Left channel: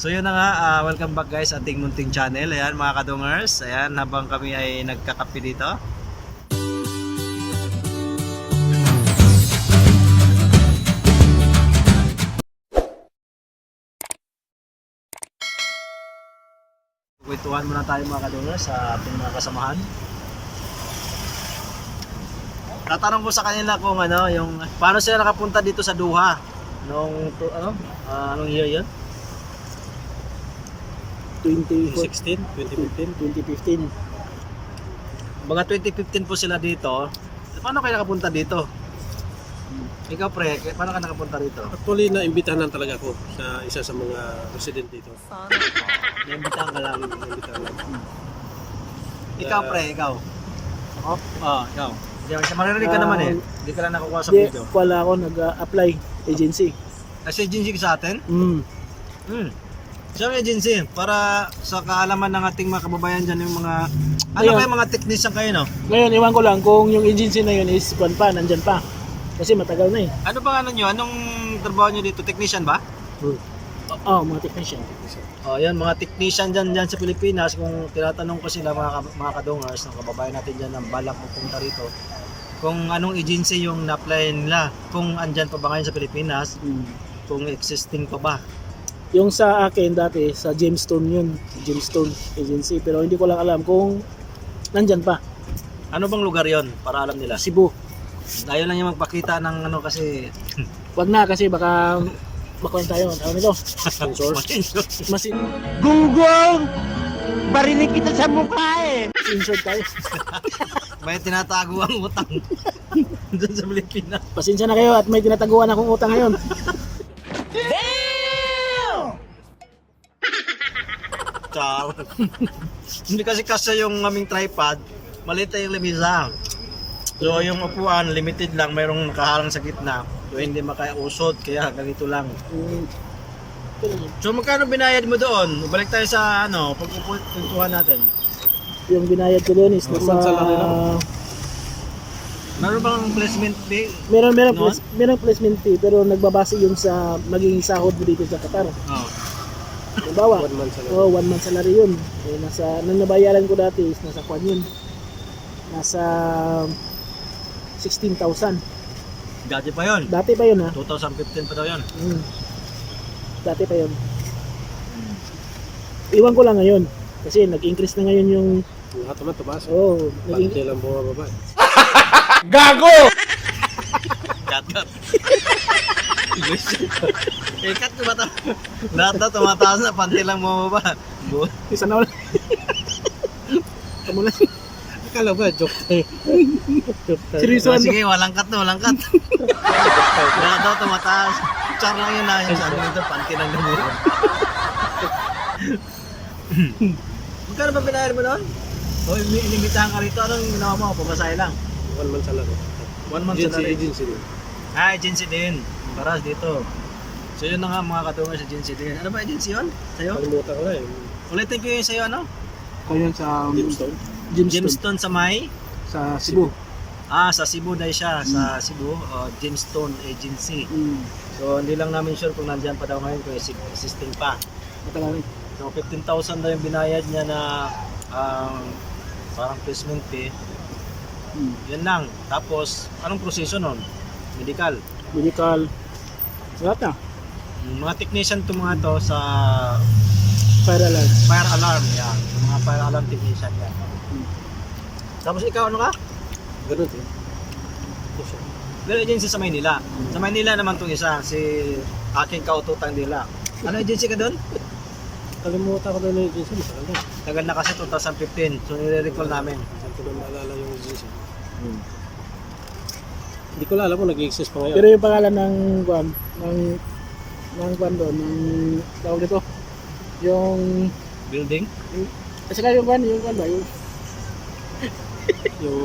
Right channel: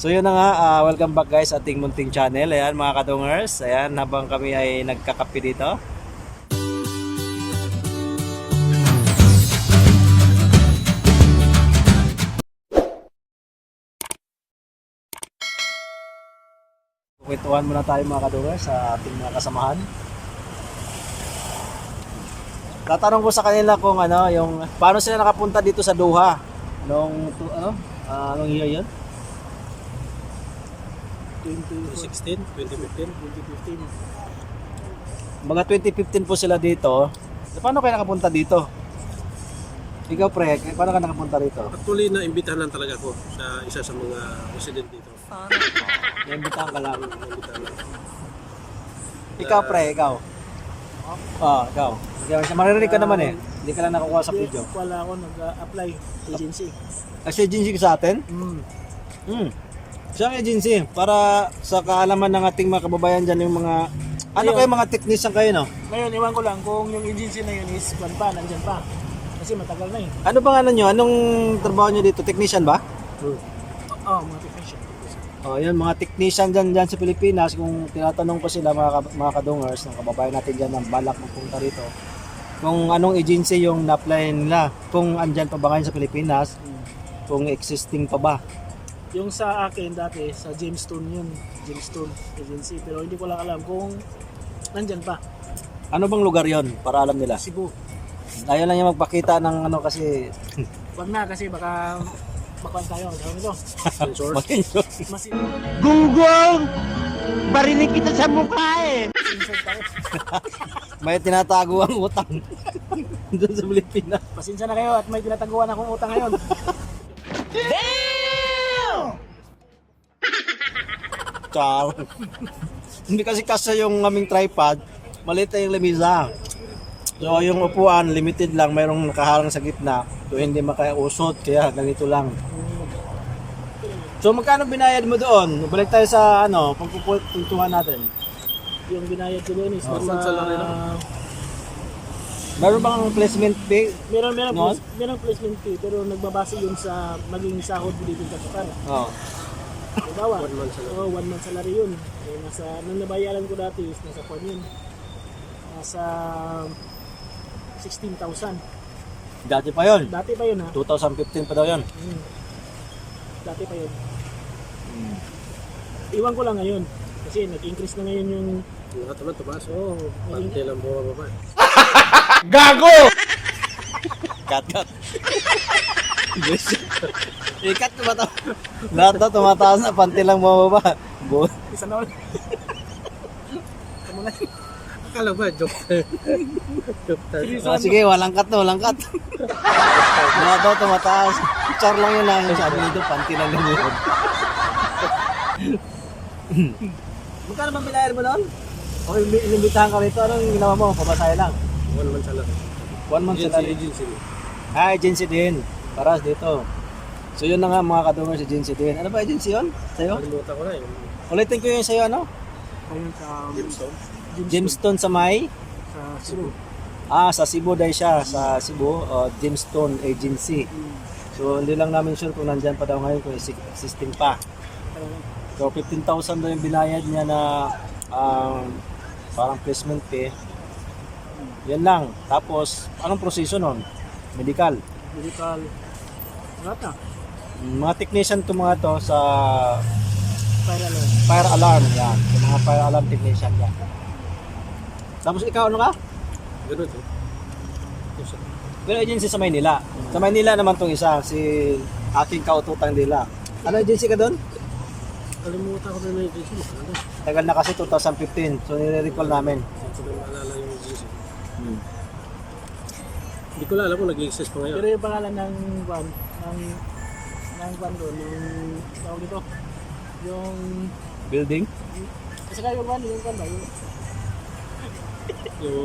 So yun na nga, welcome back guys sa ating munting channel. Ayan mga kadungers, ayan habang kami ay nagkakape dito. Kwentuhan muna tayo mga kadungers sa ating mga kasamahan. Tatanong ko sa kanila kung ano, yung paano sila nakapunta dito sa Doha nung anong year 'yun? 2016, 2015. Mga 2015 po sila dito. Paano kayo nakapunta dito? Ikaw pre, paano ka nakapunta dito? Actually, naimbitahan talaga ako sa isa sa mga resident dito. Naimbitahan ka lang. Naimbitahan lang. Ikaw pre, ikaw. Ikaw. Maririnig ka naman eh. Hindi ka lang nakukuha sa Hindi, video. wala ako nag-apply agency. Kasi agency ka sa atin? Siyang agency para sa kaalaman ng ating mga kababayan dyan yung mga ano Ayun. kayo mga technician kayo no? Ngayon, iwan ko lang kung yung agency na yun is nandyan pa. Kasi matagal na eh. Ano ba ano nyo? Anong trabaho nyo dito? Technician ba? Mga technician. Yan mga technician dyan sa Pilipinas. Kung tinatanong ko sila mga kadungers ng kababayan natin dyan ng balak magpunta rito, kung anong agency yung na-apply nila, kung andyan pa ba ngayon sa Pilipinas, kung existing pa ba. Yung sa akin dati, sa Gemstone yun. Gemstone agency. Pero hindi ko lang alam kung nandyan pa. Ano bang lugar yon para alam nila? Cebu. Ayaw lang yung magpakita ng ano kasi Wag na kasi baka makuha tayo. Ano nito? Mas Gunggong! Barinig kita sa mukha eh! insert tayo. may tinatago ang utang doon sa Pilipinas. Pasensya na kayo at may tinataguan akong utang ngayon. Char. Hindi kasi yung aming tripod, maliit na yung lamisa. So yung upuan, limited lang, mayroong nakaharang sa gitna. So hindi makaiusot, kaya ganito lang. So magkano binayad mo doon? Balik tayo sa pagpupuntuhan natin. Yung binayad ko doon is One salary lang. Meron bang placement fee? Meron No? meron placement fee pero nagbabase yung sa magiging sahod mo dito sa Qatar. Oh. Halimbawa, 1 month salary. 1 month salary yun. Eh, nung nabayaran ko dati is nasa kwan yun. Nasa 16,000. Dati pa yon. Dati pa yun ha. 2015 pa daw yon. Dati pa yun. Iwan ko lang ngayon. Kasi nag-increase na ngayon yung... Lahat naman tumaas. naging, Pante lang bumababa. Gago! Cut. Ikat tumataas. Lahat na tumataas na, panty lang bumababa. isa na ulit. Kamu lang. Akala ba, joke tayo. Joke tayo. Seryoso. Sige, walang cut. Lahat daw tumataas. Char lang yun na yung sabi nito, panty lang bumababa. Magkano ba binayar mo doon? O inimbitahan ka rito, anong ginawa mo? Pamasahe lang. 1 month salary. 1 month salary. Agency din. Agency din. Para dito. So yun na nga mga kadungers, agency din. Ano ba agency yun? Sa'yo? Kalimutan ko na eh. Ulitin ko yung sa'yo ano? Ayun sa Gemstone. Gemstone sa may? Sa Cebu. Sa Cebu dahil siya. Sa Cebu, Gemstone Agency. So hindi lang namin sure kung nandyan pa daw ngayon, kung existing pa. Matagal. So 15,000 na yung binayad niya na parang placement fee. Yan lang. Tapos, anong proseso nun? Medical. Lahat na. Mga technician to mga to sa Para lang. fire alarm. Yan. Yung mga fire alarm technician yan. Tapos ikaw ano ka? Ganun eh. Pero agency sa Maynila. Sa Maynila naman tong isa. Si aking kaututang nila. Ano agency ka doon? Kalimutan ko na yung agency. Matagal na. Tagal na kasi 2015. So nire-recall namin. Hindi ko na maalala yung agency. Hindi ko na alam kung nag-exist pa ngayon. Pero yung pangalan ng kwan, ng kwan doon, ng tawag nito, yung, Building? kasi kayo yung kwan ba? Yung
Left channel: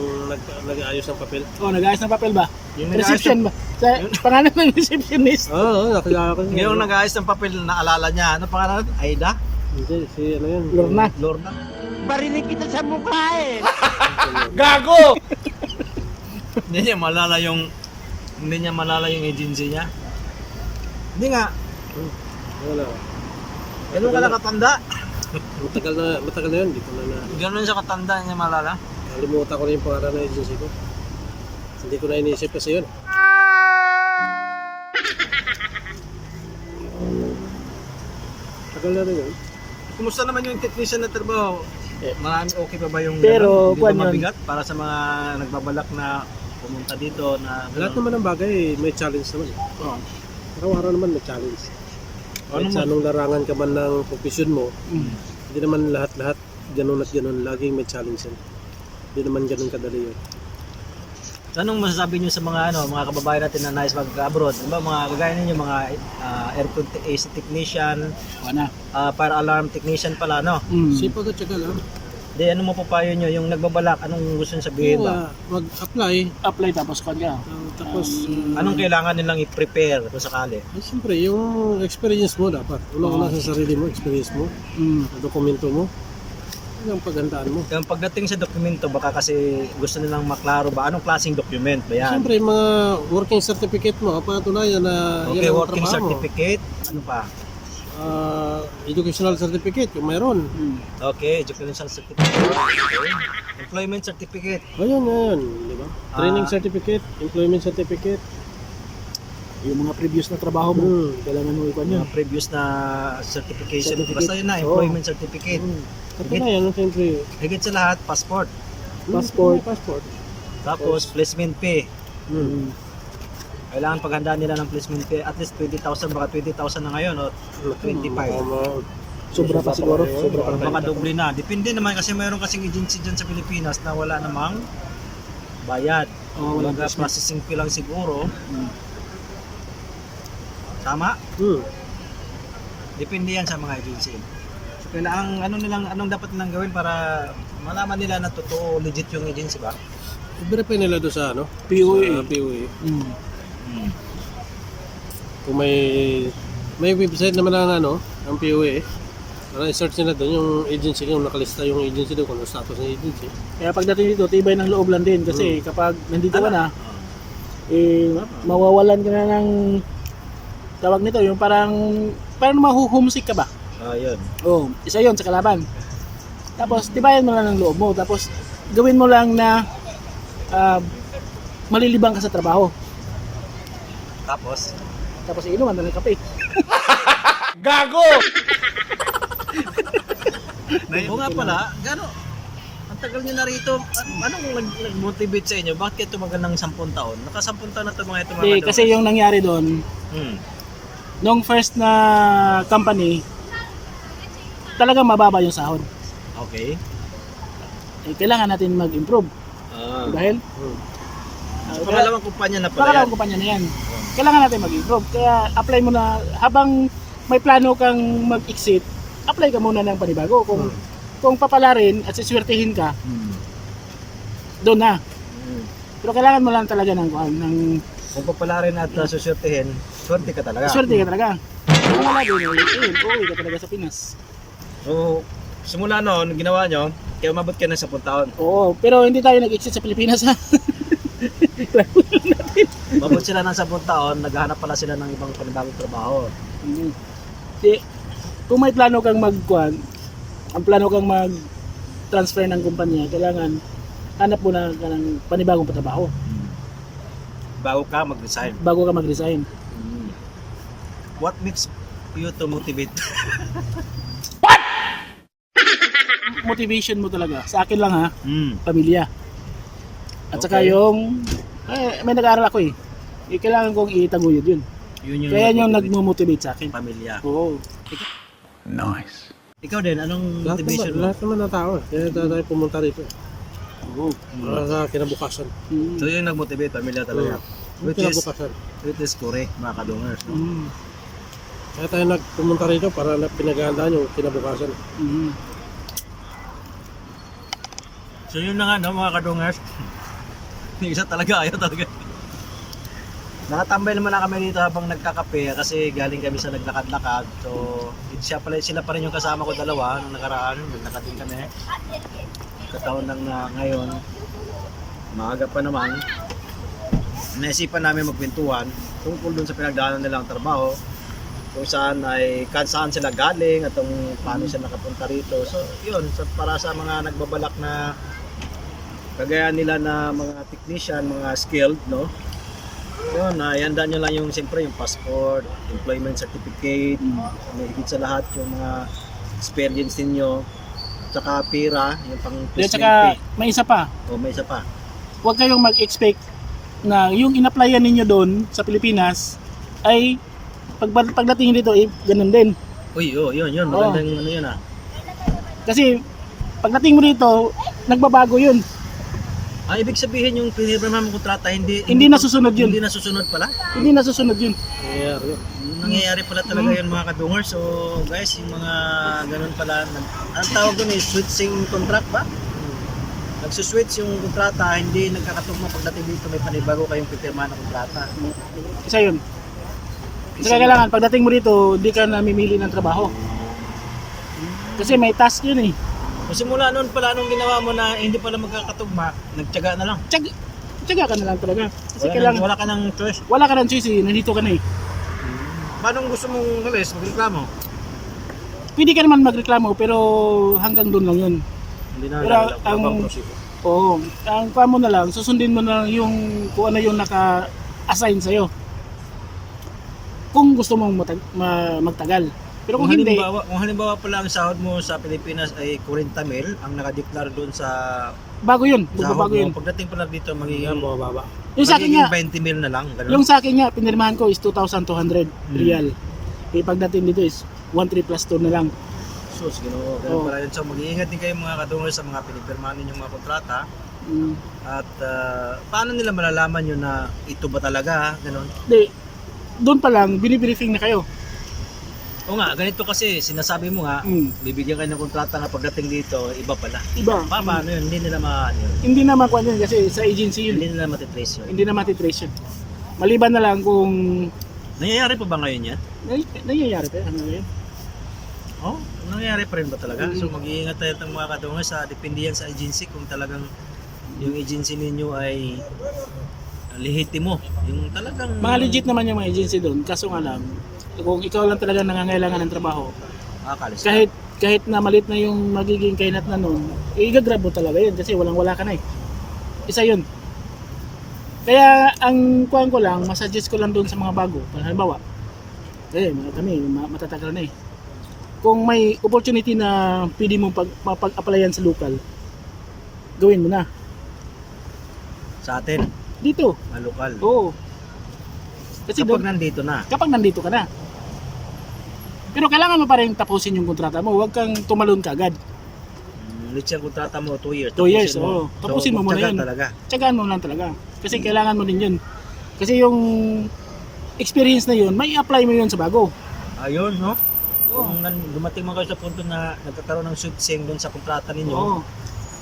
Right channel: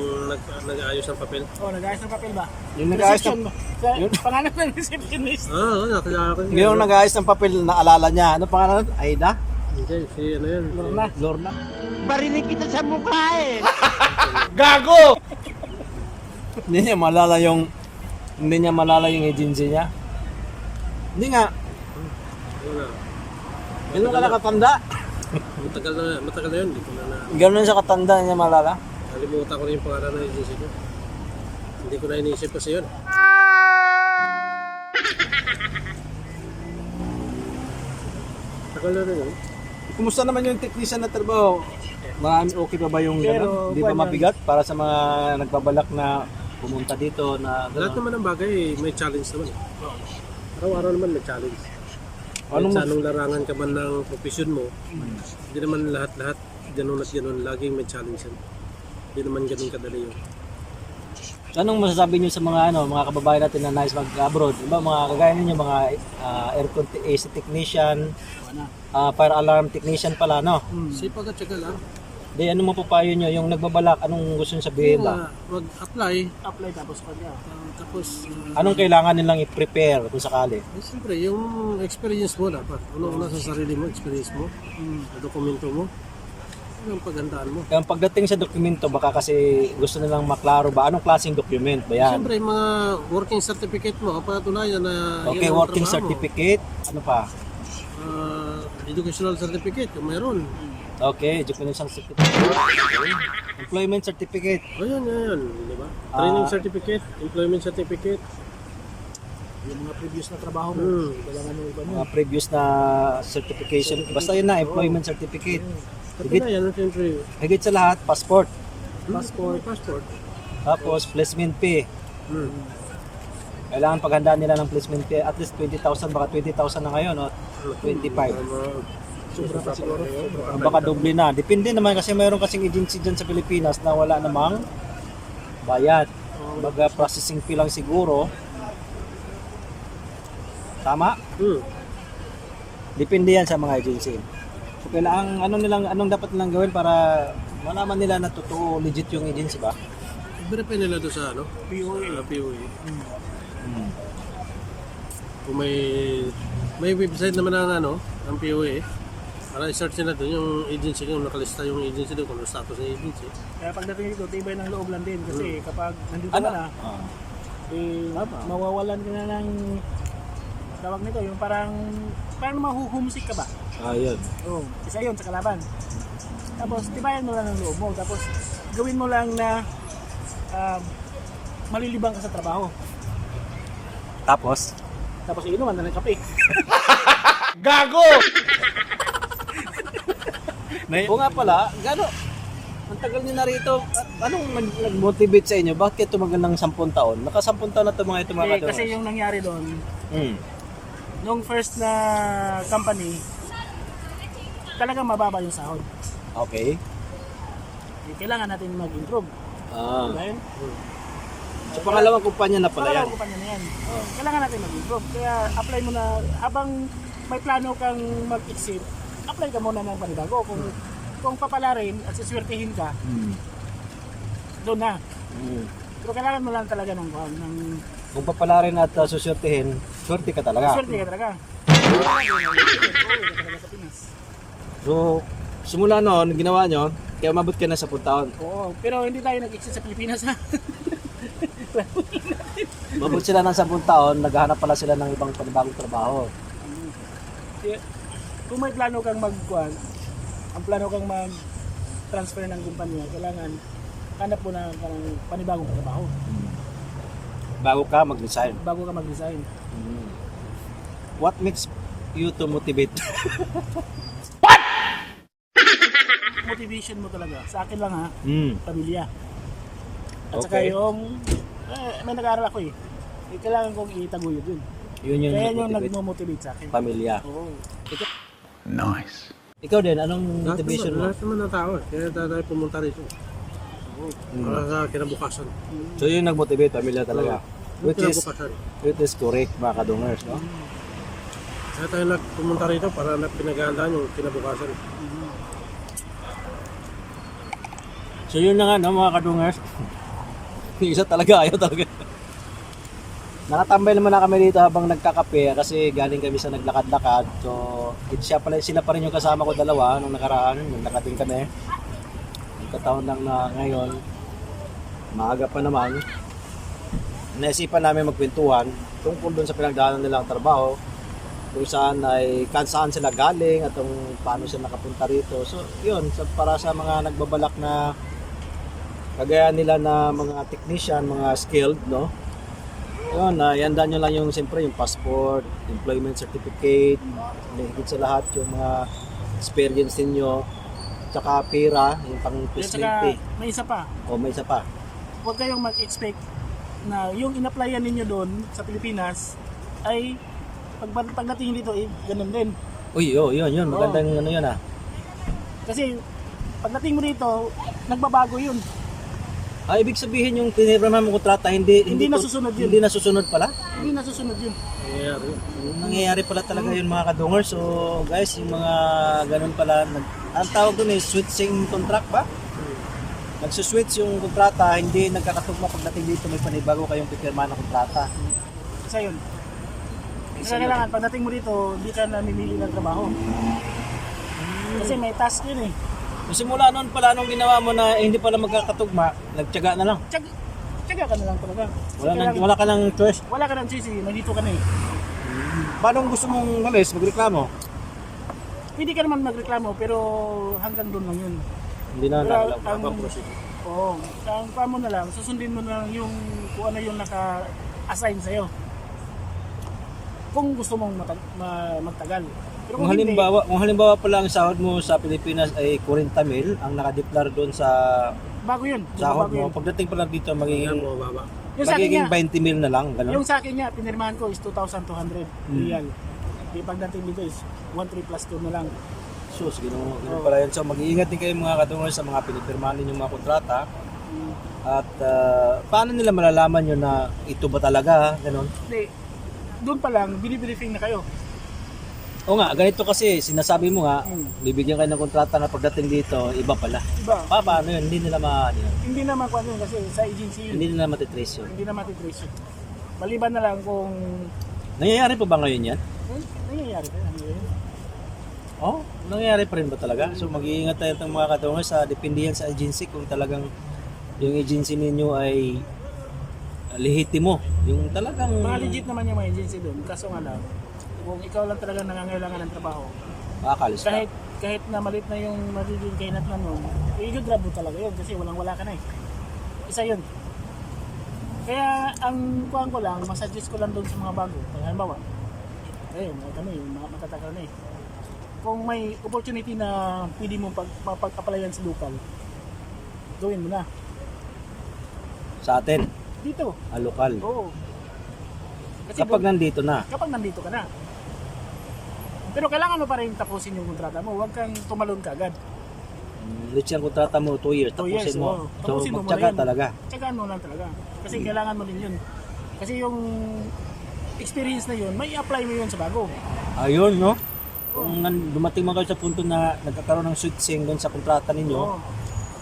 nag-aayos ng papel. Nag-ayos ng papel ba? Yung nag-aayos Reception ba? Sa pangalan ng receptionist. Nakilala ko siya. Yung nag-aayos ng papel na alala niya. Ano pangalan? Aida? Hindi, si ano yan. Lorna. Lorna? Barinig kita sa mukha eh! Gago! Hindi niya malala yung agency niya. Hindi nga. Wala. Ganun ka na katanda. Matagal na yun, hindi ko na Ganun siya katanda niya malala. kalimutan ko na yung pangalan ng agency ko. Hindi ko na iniisip kasi yun. Tagal na rin yun. Kumusta naman yung technician na trabaho? Marami okay pa ba yung Pero, ganun? Di ba kuwan yun. mabigat para sa mga nagbabalak na pumunta dito na Lahat ganun? naman ng bagay may challenge naman. Oo. Araw-araw naman may challenge. Anong Kahit sa anong larangan ka man ng profession mo, hindi naman lahat-lahat ganun at ganun. Laging may challenge yan. Hindi naman ganun kadali yun. Anong masasabi niyo sa mga kababayan natin na nais mag-abroad? Diba mga kagaya ninyo mga aircon AC technician, Wala. fire alarm technician pala no? Sipag at syaga lang. Di ano mo papayo niyo yung nagbabalak anong gusto niyo sabihin ba? Mag-apply. Apply tapos kwan ka. Tapos, Anong kailangan nilang i-prepare kung sakali? siyempre, yung experience mo dapat. Una-una sa sarili mo, experience mo, dokumento mo, yung paghandaan mo. Yung pagdating sa dokumento baka kasi gusto nilang maklaro ba anong klaseng document ba yan? Siyempre, yung mga working certificate mo, patunayan na Okay, yan ang working trabaho mo. certificate, ano pa? Educational certificate, yung mayroon. Okay, educational certificate. Okay. Employment certificate. Ayun, di ba? Training certificate, employment certificate. Yung mga previous na trabaho mo, Hmm. kailangan mo ikon yun. Mga previous na certification. Basta yun na, employment certificate. Katunayan, siyempre. Higit sa lahat, passport. Passport. Passport. Tapos, placement pay. Hmm. Kailangan paghandaan nila ng placement pay. At least 20,000, baka 20,000 na ngayon, o 25. Sobra pa siguro. Sobra pa. Baka doble na. Depende naman kasi mayroon kasing agency dyan sa Pilipinas na wala namang bayad. Mga processing fee lang siguro. Tama? Hmm. Depende yan sa mga agency. So kailangan anong dapat nilang gawin para malaman nila na totoo legit yung agency ba? I-verify nila doon sa POA. Sa POA. Kung may website naman ang POA, para i-search nila doon yung agency, yung nakalista yung agency doon, kung ano status ng agency. Kaya pagdating dito, tibay ng loob lang din kasi kapag nandito ka na, mawawalan ka na ng tawag nito, yung parang mahuhumsik ka ba? Ayun. Oh, isa yon sa kalaban. Tapos tibayan mo lang ng loob mo, tapos gawin mo lang na malilibang ka sa trabaho. Tapos Tapos inuman na ng kape. Gago! Oo nga pala, gano? Ang tagal nyo na rito. Anong nag-motivate sa inyo? Bakit kayo tumagal ng 10 taon? Naka 10 taon na ito mga ito mga Kasi yung nangyari doon, nung first na company, talagang mababa yung sahod. Okay. Kailangan natin mag-improve. Dahil Sa pangalawang kumpanya na pala yan. pangalawang kumpanya na yan. Kailangan natin mag-improve. Kaya apply mo na, habang may plano kang mag-exit, apply ka muna ng panibago. Kung papalarin at siswertihin ka, doon na. Pero kailangan mo lang talaga ng Kung papalarin at susurtihin, swerte ka talaga. swerte ka talaga. Wala din, uuwi ka talaga sa Pinas. So, simula noon, ginawa nyo, kaya umabot ka na sa 10 taon. Oo, pero hindi tayo nag-exit sa Pilipinas ha. Umabot sila ng 10 taon, naghahanap pala sila ng ibang panibagong trabaho. Kung may plano kang ang plano kang mag-transfer ng kumpanya, kailangan hanap mo na ka ng panibagong trabaho Bago ka mag-resign. bago ka mag-resign. What makes you to motivate? Motivation mo talaga, sa akin lang ha, Mm. pamilya. At saka Okay. yung, may nag-aaral ako kailangan kong itaguyod yun. Yun yung Kaya yung nag-motivate. nagmo-motivate sa akin. Pamilya. Oo. Nice. Ikaw din, anong motivation mo? Lahat naman ng tao. Kaya tayo pumunta rito. Para sa kinabukasan. So yun yung nag-motivate, pamilya talaga. Which is Kinabukasan. correct, mga kadungers, no? Kaya tayo nagpumunta rito para pinaghahandaan yung kinabukasan. So yun na nga, no, mga kadungers. Yung isa talaga, ayaw talaga. Nakatambay naman na kami dito habang nagkakape kasi galing kami sa naglakad-lakad. So, sila pa rin yung kasama ko dalawa nung nakaraan. Naglakad din kami. Kataon lang na ngayon. Maaga pa naman. Naisipan namin magkwentuhan tungkol dun sa pinagdaanan nilang trabaho. kung saan saan sila galing at kung paano siya nakapunta rito. So, yun, para sa mga nagbabalak na kagaya nila na mga technician, mga skilled, no? Yun, ihanda nyo lang yung, siyempre, yung passport, employment certificate, higit sa lahat yung mga experience ninyo, tsaka pera, yung pang At placement saka fee. may isa pa, O may isa pa. huwag kayong mag-expect na yung in-applyan ninyo doon sa Pilipinas ay pagdating dito ganun din. Uy, yun, magandang ano yun Kasi pagdating mo dito, nagbabago yun. ibig sabihin yung pinirmahan mong kontrata, hindi nasusunod yun. Hindi nasusunod pala? Hindi nasusunod yun. Nangyayari pala talaga yun mga kadungers. So guys, yung mga ganun pala, ang tawag doon switching contract ba? Nagsuswitch yung kontrata, hindi nagkakatugma pagdating dito may panibago kayong pipirmahan ng kontrata. Isa yun. Saka kailangan, pagdating mo dito, hindi ka namimili ng trabaho. Kasi may task yun eh. Simula noon pala, nung ginawa mo na hindi pala magkakatugma, nagtiyaga na lang. Tiyaga ka na lang talaga. Kasi Wala ka ng choice. wala ka ng choice eh, nandito ka na eh. Paano gusto mong magreklamo? Pwede ka naman magreklamo pero hanggang doon lang yun. Hindi na Pero habang proseso. Oo, ang pa mo na lang, susundin mo na lang yung kung ano yung naka-assign sa'yo. Kung gusto mong magtagal. Pero kung hindi, Kung halimbawa pala ang sahod mo sa Pilipinas ay 40,000 ang nakadeklar doon sa bago yun. sahod Bago mo, yun. pagdating pala dito magiging Baba. Yung sa akin nga, 20,000 na lang, ganun. yung sa akin nga, pinirmahan ko is 2,200 real. Eh, pagdating dito is 1,3 plus 2 na lang. So, ganun pala yun. So, mag-iingat din kayo mga kadungers sa mga pinipirmahan ninyong mga kontrata. Mm. At paano nila malalaman yun na ito ba talaga, ganun? Hindi, doon pa lang, binibriefing na kayo. O nga, ganito kasi, sinasabi mo nga, bibigyan kayo ng kontrata na pagdating dito, iba pala. Iba. Paano yun? Hindi nila yun. Hindi na makuha yun kasi sa agency yun. Hindi nila matitrace yun. Hindi na matitrace yun. Maliban na lang kung Nangyayari pa ba ngayon yan? nangyayari pa ano yun. Oh, nangyayari pa rin ba talaga? So mag-iingat tayo ng mga kadungers sa depende yan sa agency kung talagang yung agency ninyo ay lehitimo. Yung talagang Mga legit naman yung mga agency doon. Kaso nga lang, kung ikaw lang talaga nangangailangan ng trabaho, makakalis ka. kahit na malit na yung magiging kainat na nun, i-grab mo talaga yun kasi walang-wala ka na eh. Isa yun. Kaya ang kuhan ko lang, masuggest ko lang doon sa mga bago. Halimbawa, kami matatagal na eh. Kung may opportunity na pwede mong pag-applyan sa local, gawin mo na. Sa atin, Dito. lokal. Oo. Kasi Kapag nandito na. kapag nandito ka na. Pero kailangan mo pa rin tapusin yung kontrata mo. Huwag kang tumalon kaagad. Let's say ang kontrata mo 2 years. 2 years, tapusin mo. oo. Tapusin mo muna magtiyaga yun. talaga. Tiyagaan mo lang talaga. Kasi kailangan mo din yun. Kasi yung experience na yun, may apply mo yun sa bago. Ayun, no? Kung dumating man kayo sa punto na nagkakaroon ng switching doon sa kontrata ninyo, Oo.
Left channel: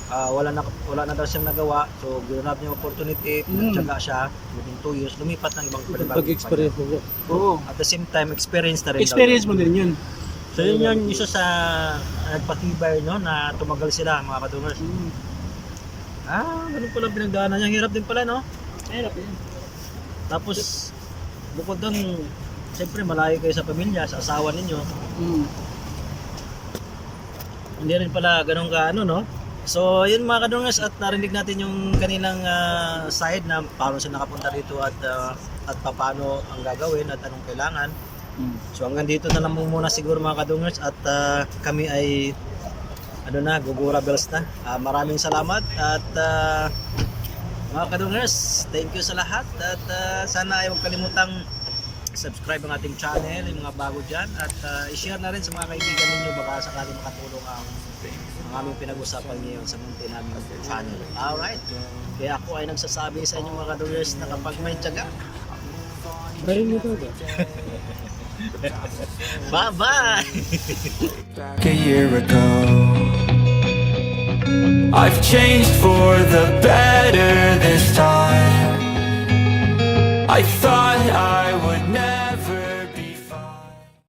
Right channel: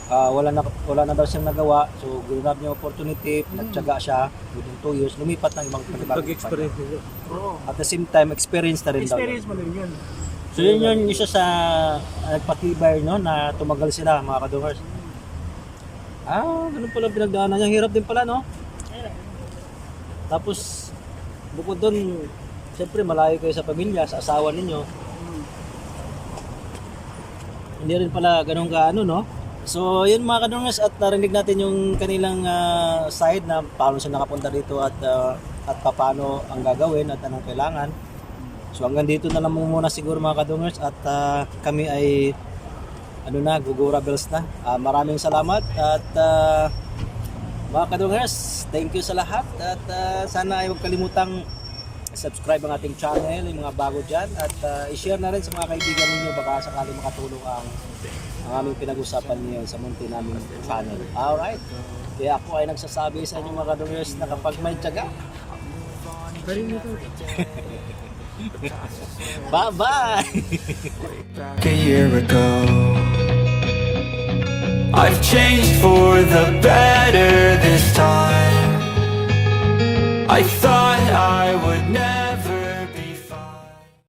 wala na daw siyang nagawa, so ginrab niya opportunity, nagtiyaga siya within 2 years, lumipat ng ibang panibagong Pag-experience ninyo. Oo. At the same time, experience na rin Experience daw. mo din yun. So yun isa sa nagpatibay, no, na tumagal sila mga kadungers. Ganun pala pinagdaanan niya. Hirap din pala, no? Hirap yun. Tapos, bukod doon, siyempre malayo kayo sa pamilya, sa asawa ninyo. Hindi rin pala ganun ka, no? So, yun mga kadungers, at narinig natin yung kanilang side na paano siya nakapunta rito at paano ang gagawin at anong kailangan. So, hanggang dito na lang muna siguro mga kadungers at kami ay gugura bells na. Maraming salamat at mga kadungers, thank you sa lahat at sana ay huwag kalimutang subscribe ang ating channel, yung mga bago dyan at i-share na rin sa mga kaibigan ninyo baka sakali makatulong ang aming pinag-usapan ngayon sa munti namin channel. Alright, kaya ako ay nagsasabi sa inyo mga kadungers na kapag may tiyaga, bye-bye! A year ago, I've changed for the better this time. I thought I would never